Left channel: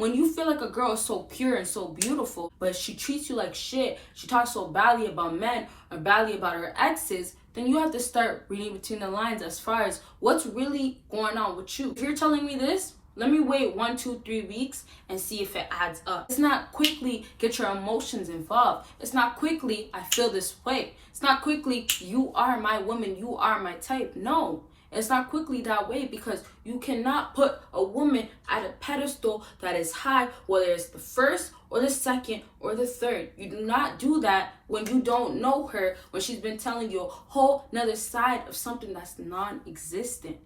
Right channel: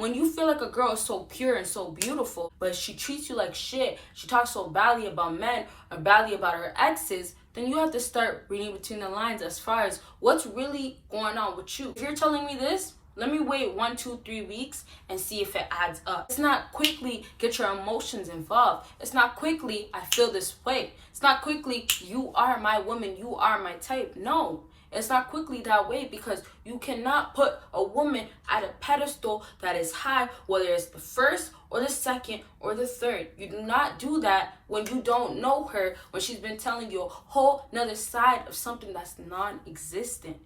When you feel like a girl is so pure and so beautiful, but she treats you like shit, she talks so badly about men or badly about her exes, then you have to start reading between the lines as far as what's really going on with you. If you're telling me this, let me wait 1, 2, 3 weeks and see if it adds up. It's not quickly get your emotions involved. It's not quickly I feel this way. It's not quickly you are my woman, you are my type. No, it's not quickly that way, because you cannot put a woman at a pedestal that is high, whether it's the first or the second or the third. You do not do that when you don't know her, when she's been telling you a whole nother side of something that's non-existent.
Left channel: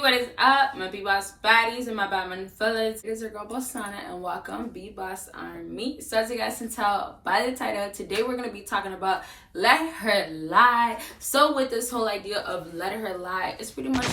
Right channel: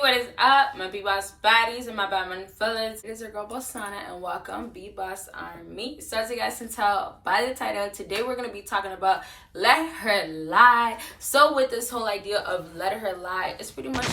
What is up, my BBossBaddies and my Batman fellas? It is your girl Bosana, and welcome BBossArmy. So as you guys can tell by the title, today we're going to be talking about let her lie. So with this whole idea of let her lie, it's pretty much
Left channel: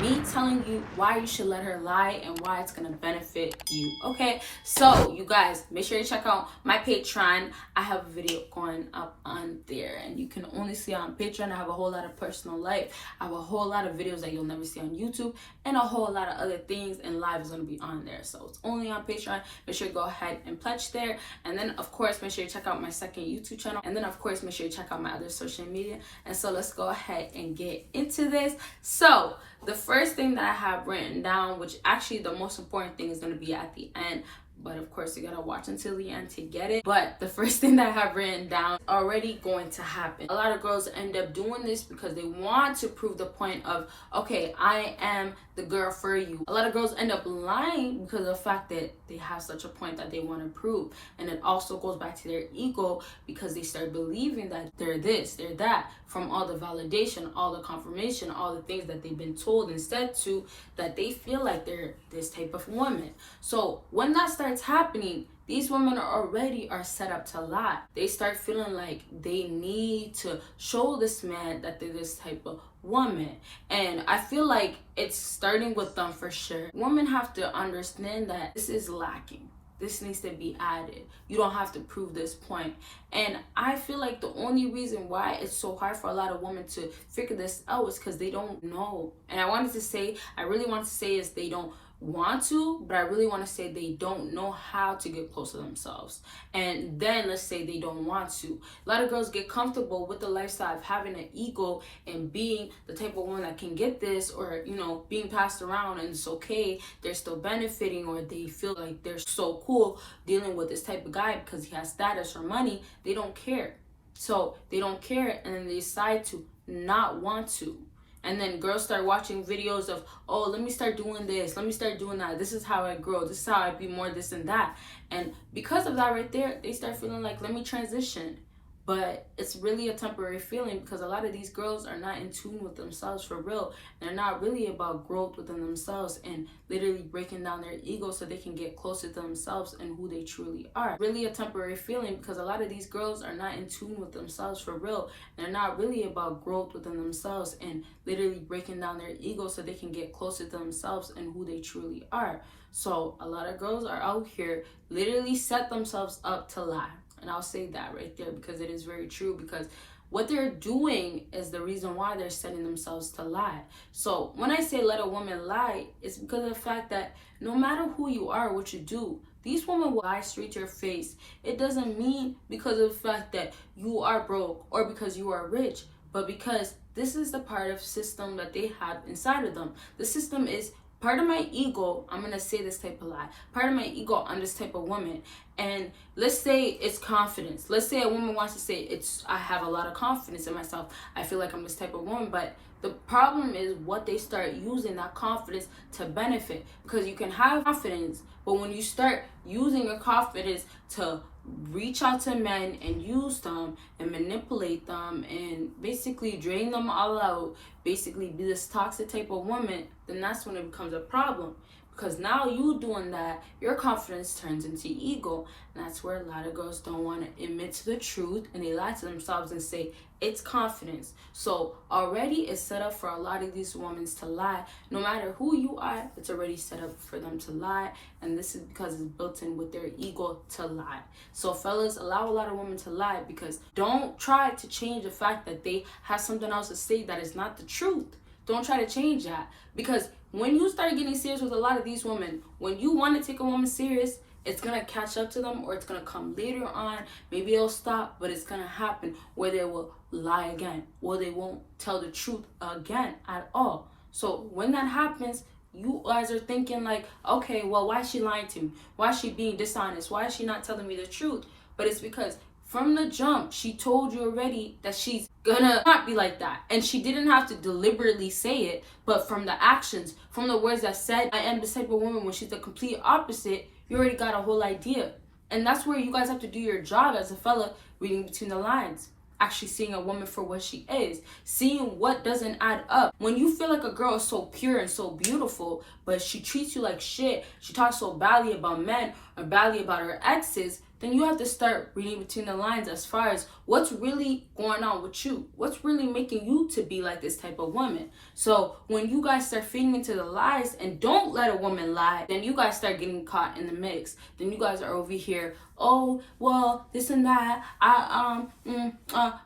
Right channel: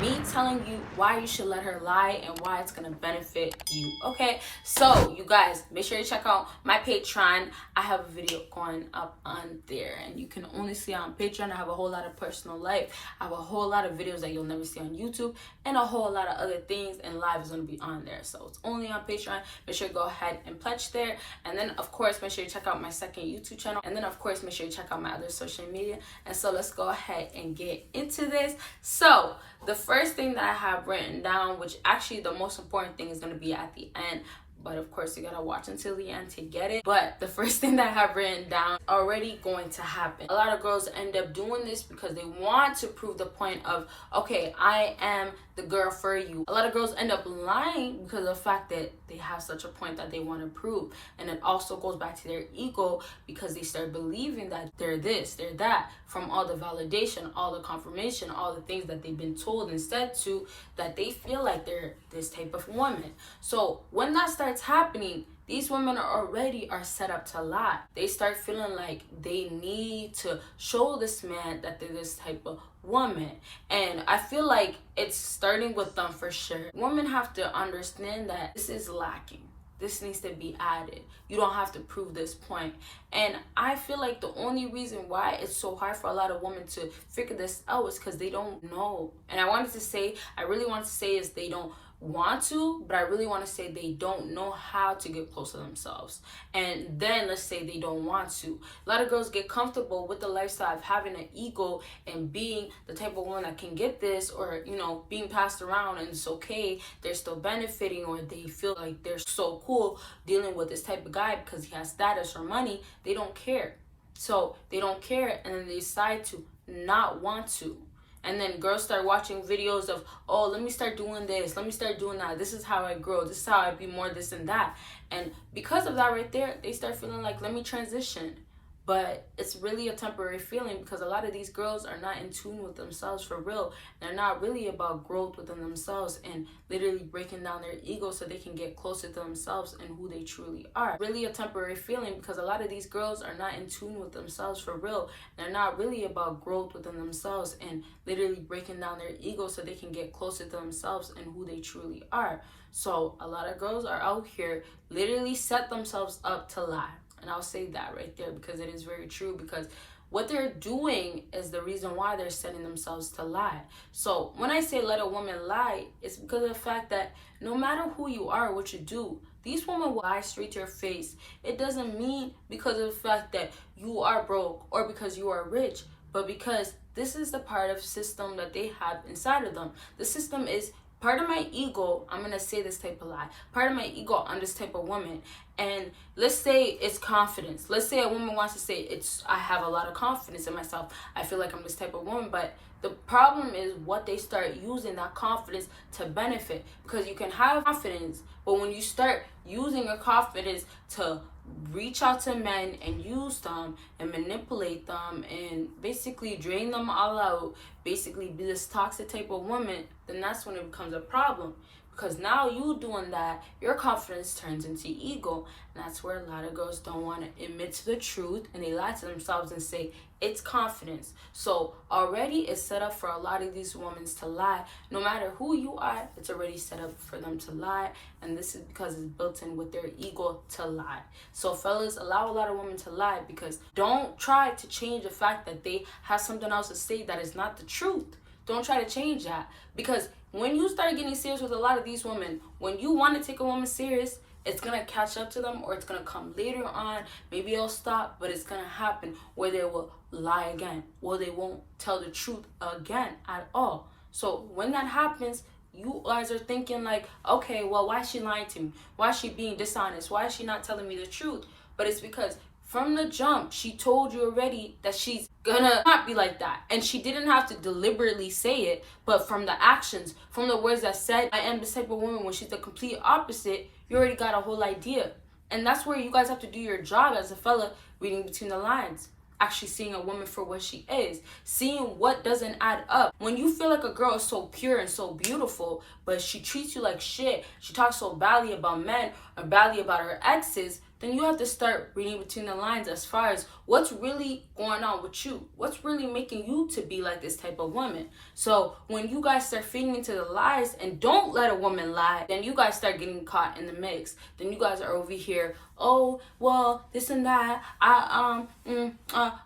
me telling you why you should let her lie and why it's going to benefit you. Okay, so you guys, make sure you check out my Patreon. I have a video going up on there, and you can only see on Patreon. I have a whole lot of personal life. I have a whole lot of videos that you'll never see on YouTube, and a whole lot of other things, and live is going to be on there. So it's only on Patreon. Make sure you go ahead and pledge there. And then of course, make sure you check out my second YouTube channel. And then of course, make sure you check out my other social media. And so let's go ahead and get into this. So the first thing that I have written down, which actually the most important thing is going to be at the end, but of course you gotta watch until the end to get it. But the first thing that I have written down already going to happen. A lot of girls end up doing this because they want to prove the point of, okay, I am the girl for you. A lot of girls end up lying because of the fact that they have such a point that they want to prove. And it also goes back to their ego, because they start believing that they're this, they're that, from all the validation, all the confirmation, all the things that they've been told and said to, that they feel like they're this type of woman. So when that starts happening, these women are set up to lie. They start feeling like they need to show this man that they're this type of woman. And I feel like it's starting with them for sure. Women have to understand that this is lacking. This needs to be added. You don't have to prove this point. And I feel like the only reason why it's so hard for a lot of women to figure this out is because they don't know. And I really want to say is they don't want to, but I really want to say they don't know how to get close to themselves. And then let's say they don't want to. A lot of girls get comfortable with the lifestyle of having an ego and being the type of woman that can get this, or being passed around, and it's okay, they're still benefiting, or they feel like they're so cool dealing with this type of guy because he has status or money. They don't care. So they don't care, and then they decide to not want to. And then girls start watching videos of, oh, let me start doing this, let me start doing that, this is how I grow, this is how I be more this and that. And because of that right there, they start feeling like, let me transition. But it's really a temporary feeling, because a lot of these girls are not in tune with themselves for real. They're not really about growth within themselves and literally breaking down their ego so they can get closer to themselves and who they truly are. Really a temporary feeling, because a lot of these girls are not in tune with themselves for real. They're not really about growth within themselves and literally breaking down their ego so they can get closer to themselves and who they truly are. So a lot of girls are out here literally set themselves up to lie. And I'll say that right there, because it is very true, because what they're doing is the reason why they're setting themselves to lie. So when I say let a woman lie, it's because of the fact that no matter who you are, what you do, these women will lie straight to your face. It doesn't mean because of the fact that you are broke or because you are rich, but because this is the part of system that they have inside of them. The system is part of my ego. I'm gonna say this type of lie. Part of my ego, I'm this type of woman. And let's say it's confidence. Let's say a woman wants to say I have a lot of confidence in myself. I feel like I'm this type of woman. But the problem is what they start using that confidence to benefit. Because you can have confidence, but when you start using your confidence to reach out to men and use them and manipulate them and basically drain them all out, basically be this toxic type of woman, then that's when it becomes a problem. Because now you doing that, your confidence turns into ego. And that's where a lot of girls don't want to admit to the truth, and they lie to themselves and say it's confidence. So already it's set up for a lot of these women to lie. No matter who you are, it's already set up for them to lie. And this is because it's built in with their ego to lie. So fellas, allow a lot of women to lie, because don't try to change the fact that they have something else to say that is not the truth. Don't try to change that, because when you start getting serious with a lot of these women, when you want to take a woman serious, it's going to catch up to them, or it's going to come later on. Maybe it'll stop, but it's going to happen where they will lie again, or they won't tell the truth again at all. So when that happens, you guys are thinking like, okay, well, why is she lying to me? Why is she being dishonest? Why is she not telling me the truth? But it's because from the jump, she told you already that she's gonna not be like that. And she didn't have to deliberately say it, but from the actions, from the words that said, I am this type of woman, when she's the complete opposite, you already got a whole idea. And that's where you guys have to do your job as a fella, reading between the lines. Actually seeing a woman for what she is, seeing what doesn't add up. When you feel like a girl is so pure and so beautiful, but she treats you like shit, she talks so badly about men or badly about her exes, then you have to start reading between the lines as far as what's really going on with you. What's really making you to be like this type of woman? So when you guys start feeding into the lies and don't let a woman lie, then you guys start getting caught in the mix. Then you guys are over here, oh, well, this and that.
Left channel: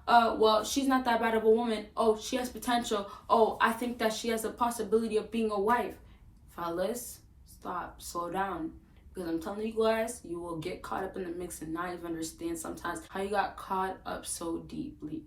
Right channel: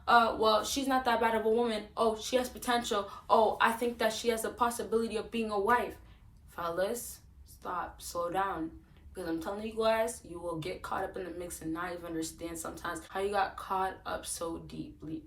Well, she's not that bad of a woman. Oh, she has potential. Oh, I think that she has a possibility of being a wife. Fellas, stop, slow down. Because I'm telling you guys, you will get caught up in the mix and not even understand sometimes how you got caught up so deeply.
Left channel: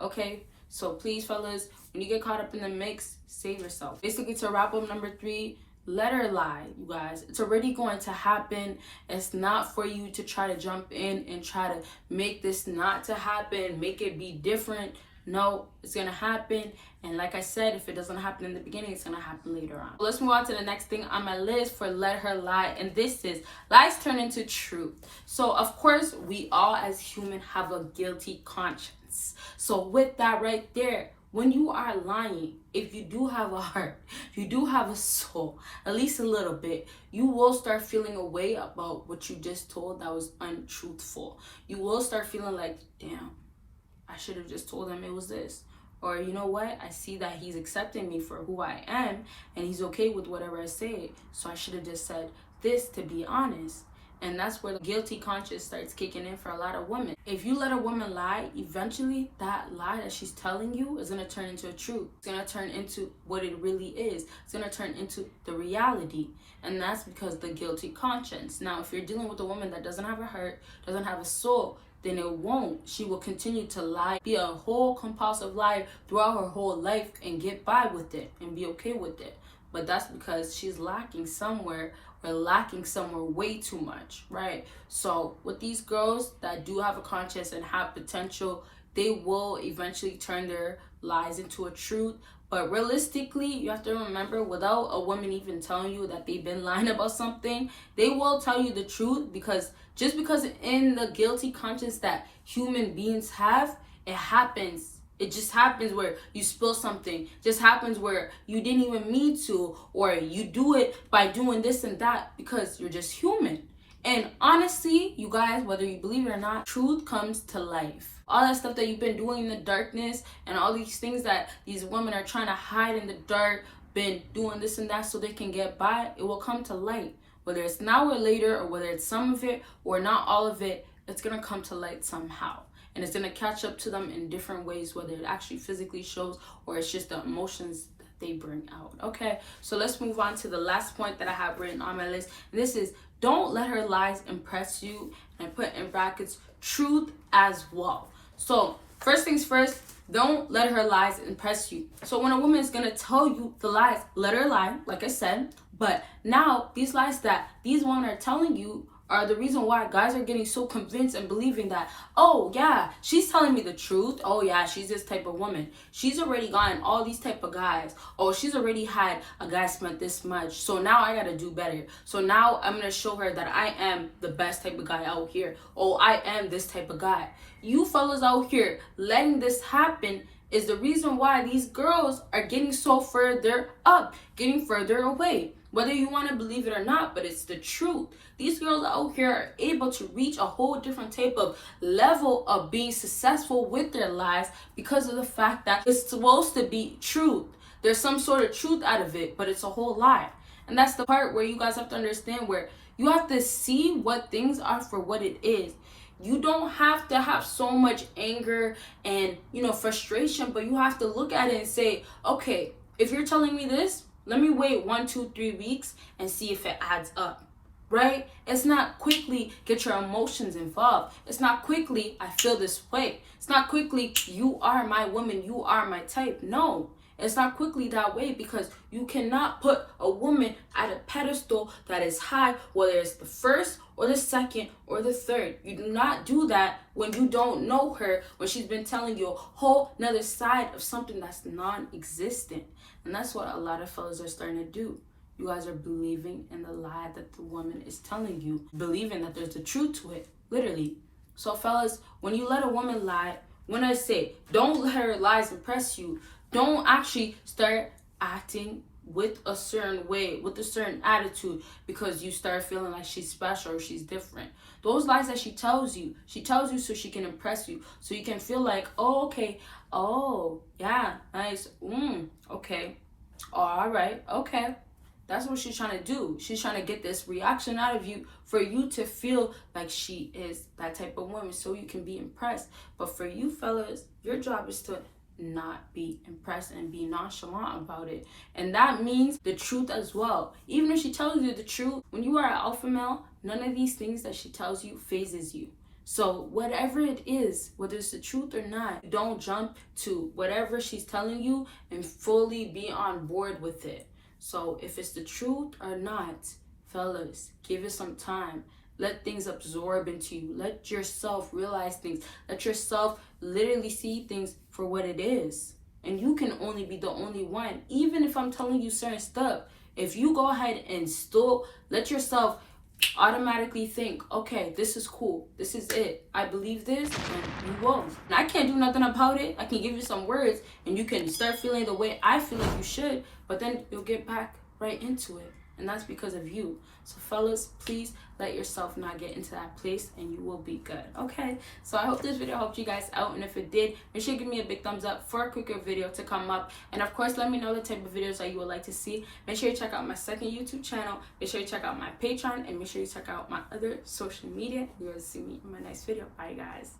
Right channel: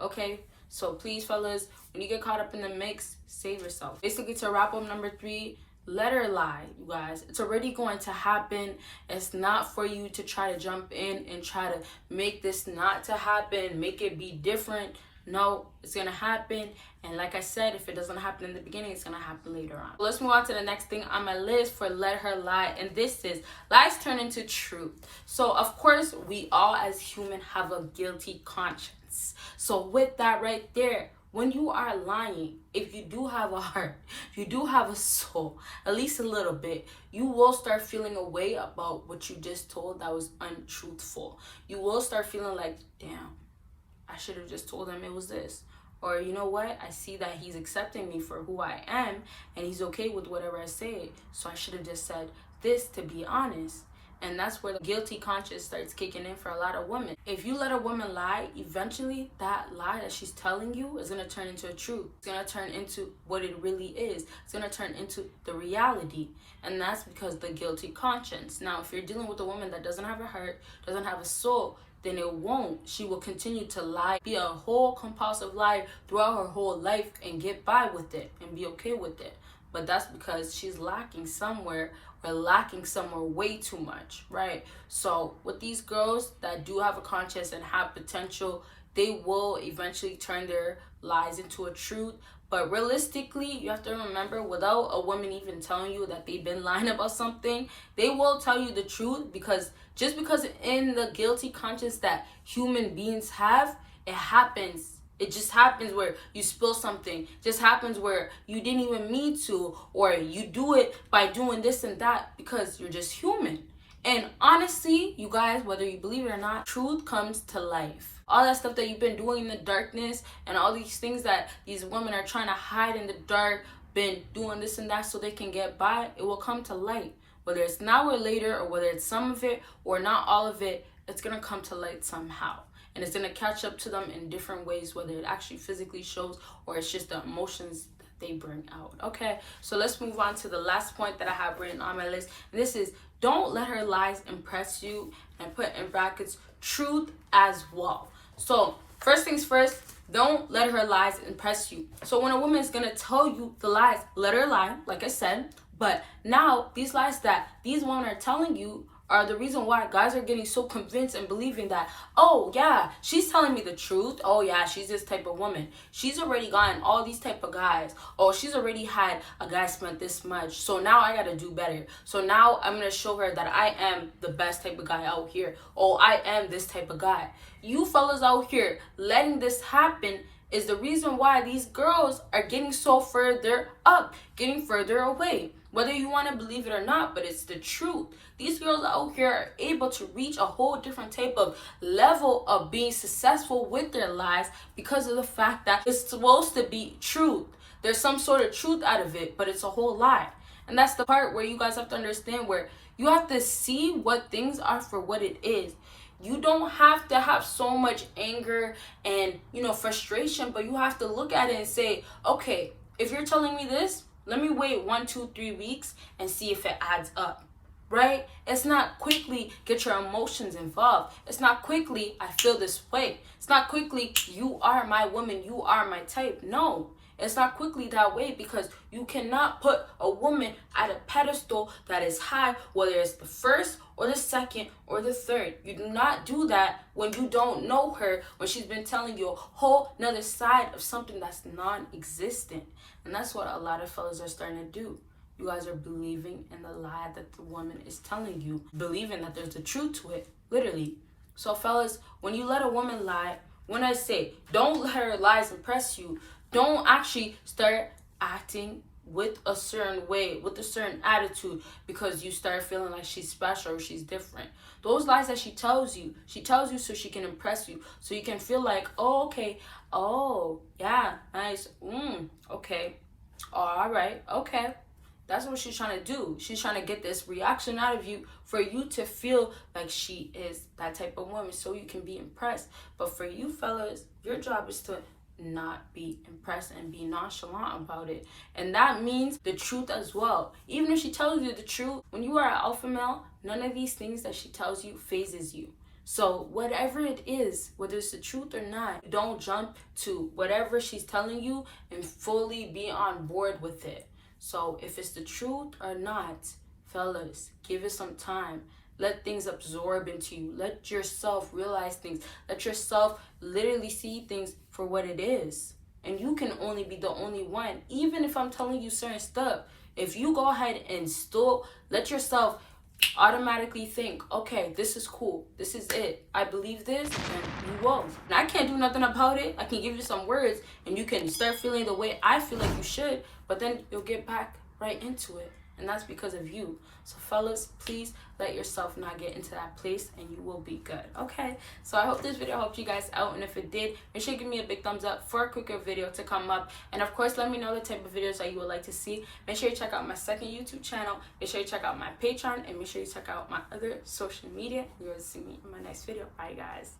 Okay? So please, fellas, when you get caught up in the mix, save yourself. Basically, to wrap up number 3, let her lie, you guys. It's already going to happen. It's not for you to try to jump in and try to make this not to happen, make it be different. No, it's gonna happen. And like I said, if it doesn't happen in the beginning, it's gonna happen later on. Let's move on to the next thing on my list for let her lie, and this is lies turn into truth. So of course, we all as human have a guilty conscience. So with that right there, when you are lying, if you do have a heart, if you do have a soul, at least a little bit, you will start feeling a way about what you just told that was untruthful. You will start feeling like, damn, I should have just told him it was this. Or, you know what? I see that he's accepting me for who I am, and he's okay with whatever I say. So I should have just said this to be honest. And that's where the guilty conscience starts kicking in for a lot of women. If you let a woman lie, eventually that lie that she's telling you is going to turn into a truth. It's going to turn into what it really is. It's going to turn into the reality. And that's because the guilty conscience. Now, if you're dealing with a woman that doesn't have a heart, doesn't have a soul, then it won't. She will continue to lie, be a whole compulsive liar throughout her whole life and get by with it and be okay with it. But that's because she's lacking somewhere, or lacking somewhere way too much, right? So with these girls that do have a conscience and have potential, they will eventually turn their lies into a truth. But realistically, you have to remember, without a woman even telling you that they've been lying about something, they will tell you the truth, because just because in the guilty conscience that human beings have, it happens. It just happens where you spill something. It just happens where you didn't even mean to, or you do it by doing this and that because you're just human. And honestly, you guys, whether you believe it or not, truth comes to life. All that stuff that you've been doing in the darkness and all these things that these women are trying to hide in the dark, been doing this and that so they can get by, it will come to light. Whether it's now or later, or whether it's some of it or not all of it, it's going to come to light somehow. And it's going to catch up to them in different ways, whether it actually physically shows or it's just the emotions that they bring out. Okay, so let's move on to the last point that I have written on my list. And this is, don't let her lies impress you, and put in brackets, truth as well. So first things first, don't let her lies impress you. So when a woman is going to tell you the lies, let her lie, like I said. But now these lies that these women are telling you are the reason why guys are getting so convinced and believing that, oh yeah, she's telling me the truth. Oh yeah, she's this type of woman. She's already gotten all these type of guys. Oh, she's already had a guy spent this much. So now I gotta do better. So now I'm gonna show her that I am the best type of guy out here. Oh, I am this type of guy. You fellas out here letting this happen is the reason why these girls are getting so further up, getting further away. Whether you want to believe it or not, but it's the truth. These girls out here are able to reach a whole different type of level of being successful with their lives because of the fact that it's supposed to be truth. There's some sort of truth out of it, but it's a whole lie. And that's the part where you guys have to understand, where you have to see what things are for what it is. You don't have to have so much anger and, frustration, but you have to look at it and say, okay, if you're telling me this, let me wait 1, 2, 3 weeks and see if it adds up, right? It's not quickly get your emotions involved. It's not quickly, I feel this way. It's not quickly, you are my woman, you are my type. No, it's not quickly that way, because you cannot put a woman at a pedestal that is high, whether it's the first or the second or the third. You do not do that when you don't know her, when she's been telling you a whole nother side of something that's non-existent. And that's what a lot of fellas are starting to do. You guys are believing in the lie that the woman is telling you, believing that there's a truth to it, literally. So fellas, when you let a woman lie, when I say don't let her lies impress you, don't actually start acting with a certain way, with a certain attitude, because you start feeling like she's special or she's different. Those lies that she tells you so she can impress you, so you can feel like, oh, okay, oh, yeah, nice, okay, oh, all right, okay. That's what she's trying to do. She's trying to get this reaction out of you for you to feel like she is that type of woman, so you can be impressed. But for you fellas, your job is to not be impressed and be nonchalant about it. And that means the truth as well. Even if she tells you the truth, when you are an alpha male, none of these things that she tells you phases you. So whatever it is, whether it's the truth or not, don't jump to whatever she's telling you and fully be on board with it. So if it's the truth or not, fellas, give it some time. Let things absorb into you. Let yourself realize things. Let yourself literally see things for what it is. And you can only be the only one. Even if I'm telling you certain stuff, if you go ahead and still let yourself automatically think, okay, this is cool, this is it, I believe this, and you will. And I can't do nothing about it. I can give you some words and you can start feeling the way I feel like you should, but then you'll get back right into it. And that's because of you. So fellas, please let yourself not get into that place and you will be good. Okay, so I hope this video helped you guys out, and if it did, make sure you give me a big thumbs up for a quicker video to come up. And of course, let me know the type of videos that you would like to see. Make sure you check out my second YouTube channel, make sure you check out my Patreon, and make sure you check out my other social media. You're going to see me in my next video. Bye guys.